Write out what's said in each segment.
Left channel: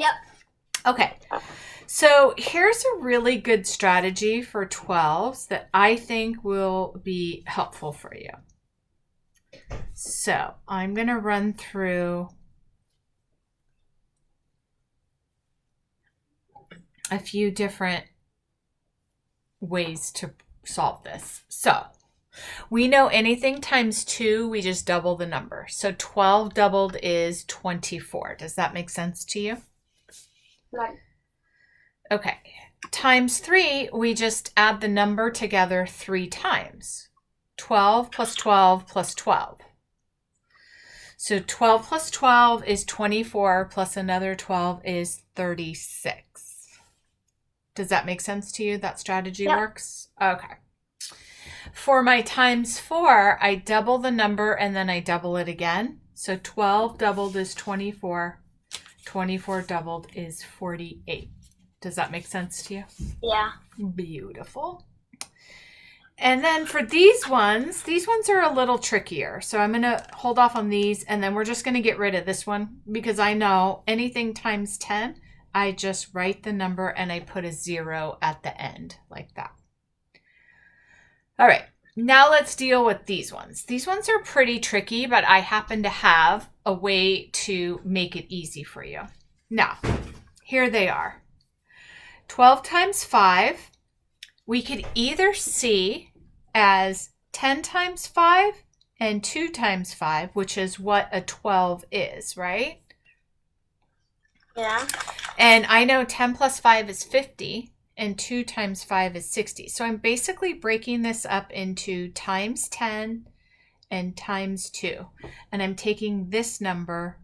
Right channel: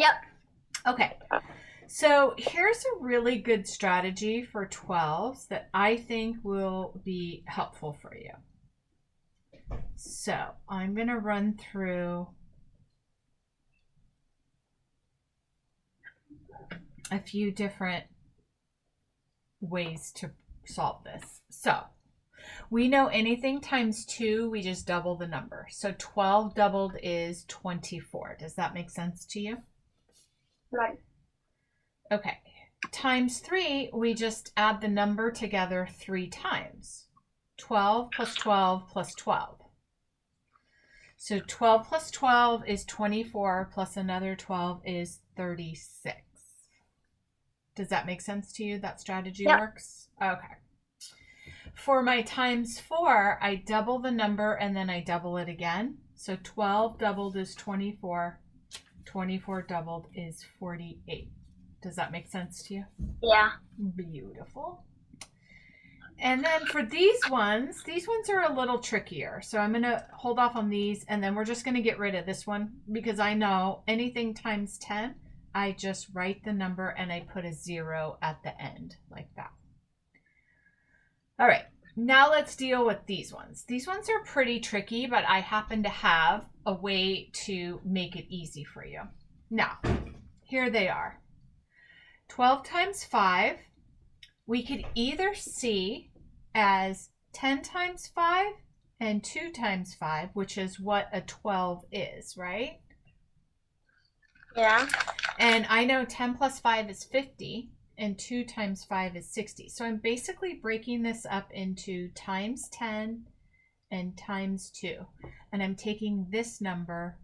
Yep. Okay. So here's a really good strategy for 12s that I think will be helpful for you. So I'm going to run through a few different ways to solve this. So we know anything times 2, we just double the number. So 12 doubled is 24. Does that make sense to you? Right. Okay. Times 3, we just add the number together 3 times. 12 plus 12 plus 12. So 12 plus 12 is 24 plus another 12 is 36. Does that make sense to you? That strategy Yep. works? Okay. For my times 4, I double the number and then I double it again. So 12 doubled is 24. 24 doubled is 48. Does that make sense to you? Yeah. Beautiful. And then for these ones are a little trickier. So I'm going to hold off on these and then we're just going to get rid of this one because I know anything times 10, I just write the number and I put a 0 at the end like that. All right, now let's deal with these ones. These ones are pretty tricky, but I happen to have a way to make it easy for you. Now, here they are. 12 times 5, we could either see as 10 times 5 and 2 times 5, which is what a 12 is, right? Yeah. And I know 10 plus 5 is 50. And 2 times 5 is 60. So I'm basically breaking this up into times 10 and times 2. And I'm taking this number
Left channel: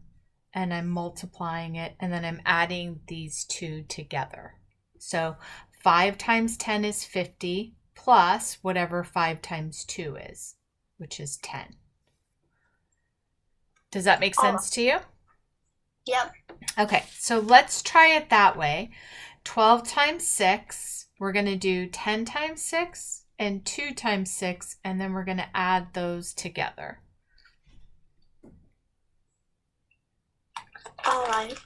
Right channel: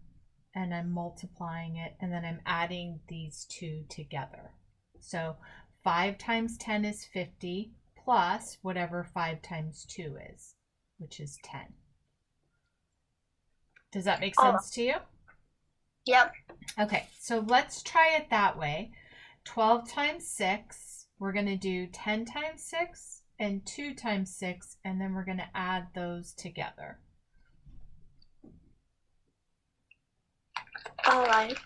and I'm multiplying it and then I'm adding these two together. So 5 times 10 is 50 plus whatever 5 times 2 is, which is 10. Does that make sense to you? Yep. Okay, so let's try it that way. 12 times 6, we're going to do 10 times 6 and 2 times 6, and then we're going to add those together. All right.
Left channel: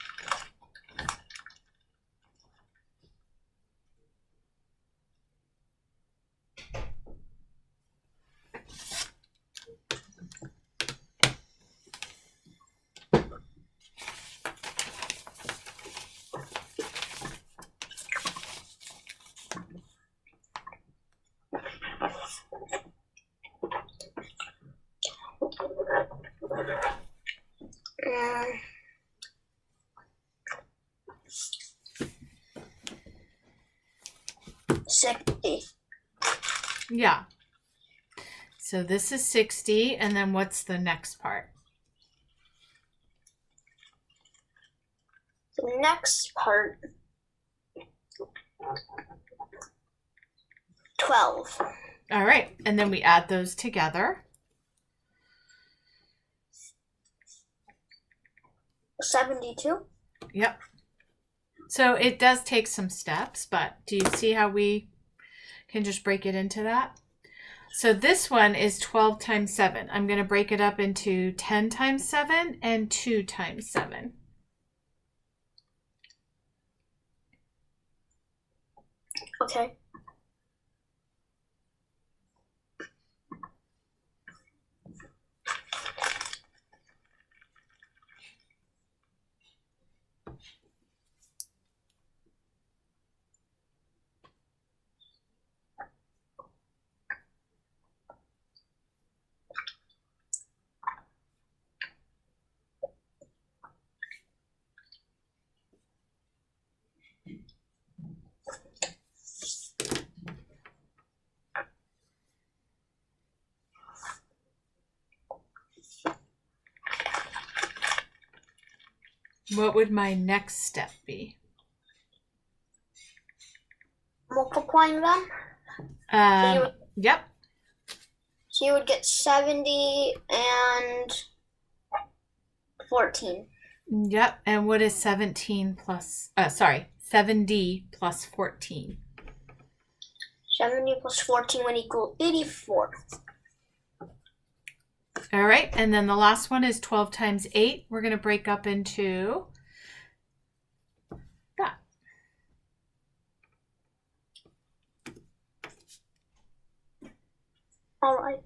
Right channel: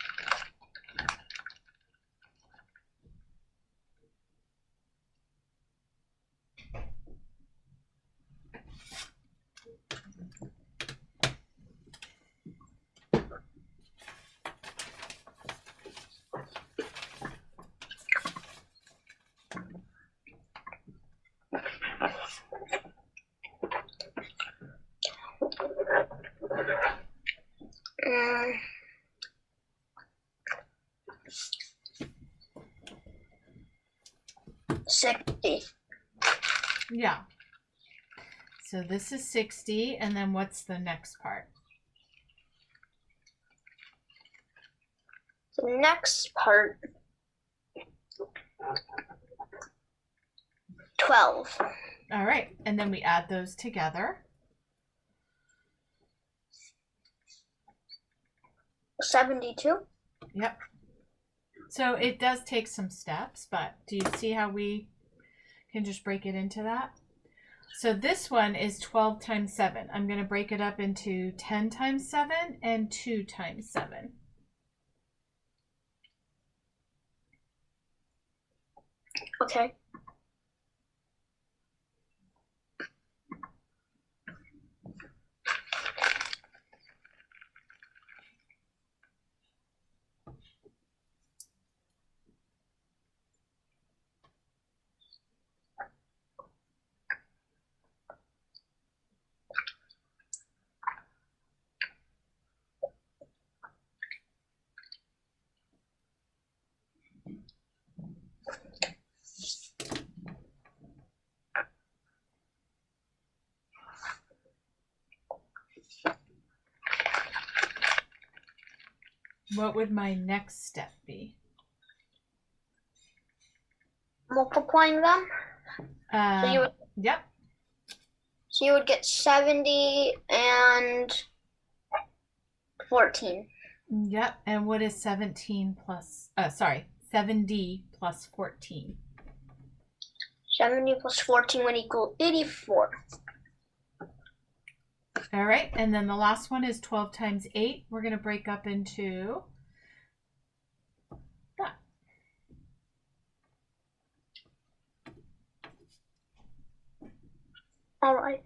Mm. 60. Yeah. So this is 60, and then what's the next part? The next part, 12. All right, and then we add those together. 72. Yep. So it does take some steps, but do you see how we can just break it into that? So this one is 12 times 7. I'm going to break it up into 10 times 7 and 2 times 7. Okay. What would my next step be? Multiplying them. Yep. So you would get 70 and 14. Yep. And what is 17 plus, 70 plus 14? 70 plus 14 would equal 84. All right. And then the last one is 12 times 8. We're going to break up into All right.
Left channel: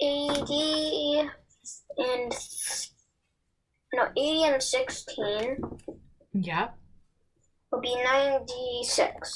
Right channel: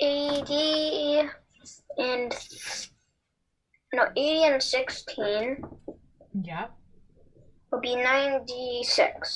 Eighty and 16 Yep. will be 96.